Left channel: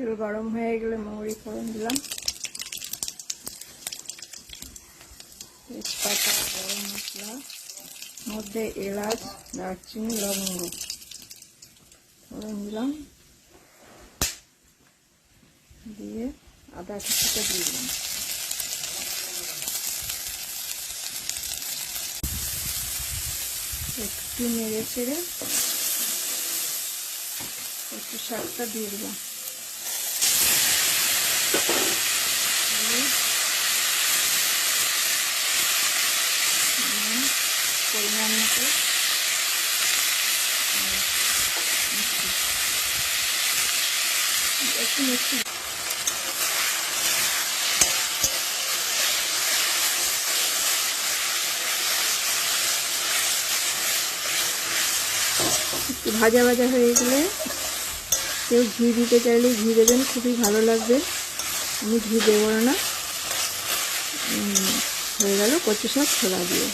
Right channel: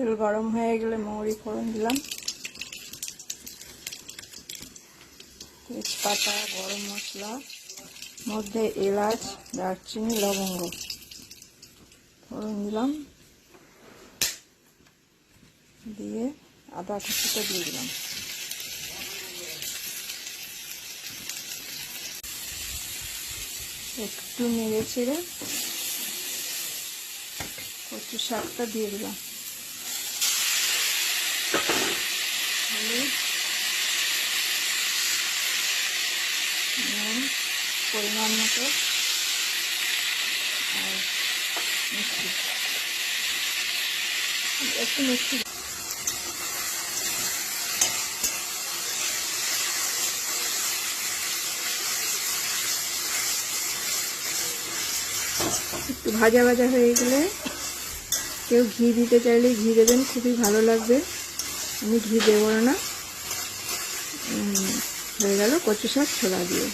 তেল গরম হয়ে গেলে মৌরি ফোড়ন দিলাম, তেজপাতা, গরম মশলা, মধ্যে এলাচ, দারচিনি, লবঙ্গ ফোড়ন দিলাম, দিয়ে আদা কুচিটা দিয়ে দিলাম। একটু নেড়ে চেড়ে কচু শাকটা দিয়ে দিলাম, পরিমাণ মতো একটু মিষ্টি, একটু ভাজা ভাজা হয়ে গেলে কেউ ঘি দিতে চাইলে ঘি দেবেন, খুবই ভালো লাগবে। আমি ঘি দেবো না। হয়ে গেল কচু শাক ছোলা দিয়ে।